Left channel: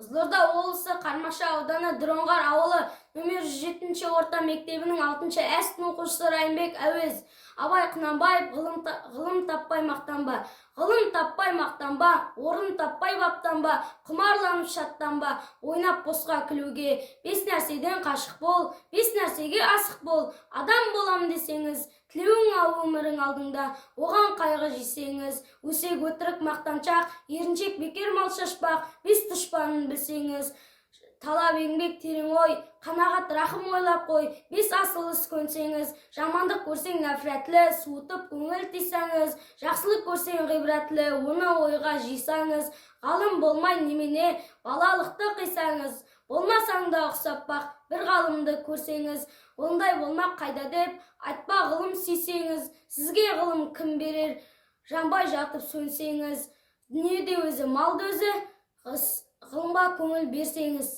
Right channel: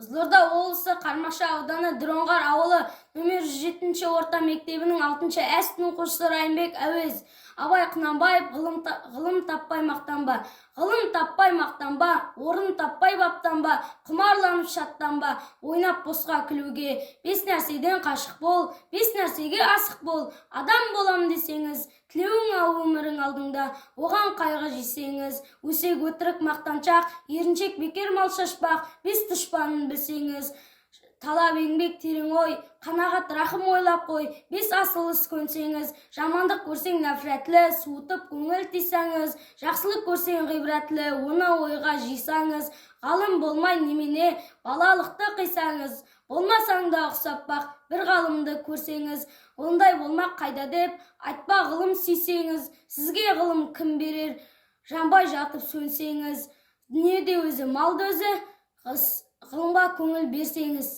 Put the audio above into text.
Қызылорда облысы Қармақшы ауданы Дроңғар ауылы нөмір 107 орта мектебінің 6 Ә сынып оқушысы Райымбек Әуез. Абай Құнанбаев ғылым таппай мақтанба, ғылым таппай мақтанба, орын таппай баптанба, құмарланып шаттанба, ойнап босқа күлуге. 5 нәрседен қашық бол, 5 нәрсеге асық бол. Адам болам десеңіз, тілеуің ау өмірің алдыңда, оған қайғы жесеңіз. Өсек өтірік мақтаншақ, еріншек бекер мал шашпақ, 5 дұшпанын білсеңіз. Талап еңбек терең ой, қанағат рахым ойлап қой, 5 асыл іс көнсеңіз. Жамандық көрсең нәфрәтлі, суытып көңіл тисаңыз. Жақсылық көрсең ғибратлы, оны ойға жисаңыз. Ғалым болмай немене, балалықты қисаңыз. Болмасаң да ұқсап бақ, бір ғалымды көрсеңіз. Ондай болмақ қайда деп, айтпа ғылым сүйсеңіз. Сізге ғылым кім берер, жанбай жатып сөнсеңіз. Дүниеде өзі, малды өзі, ғылымға көңіл берсеңіз.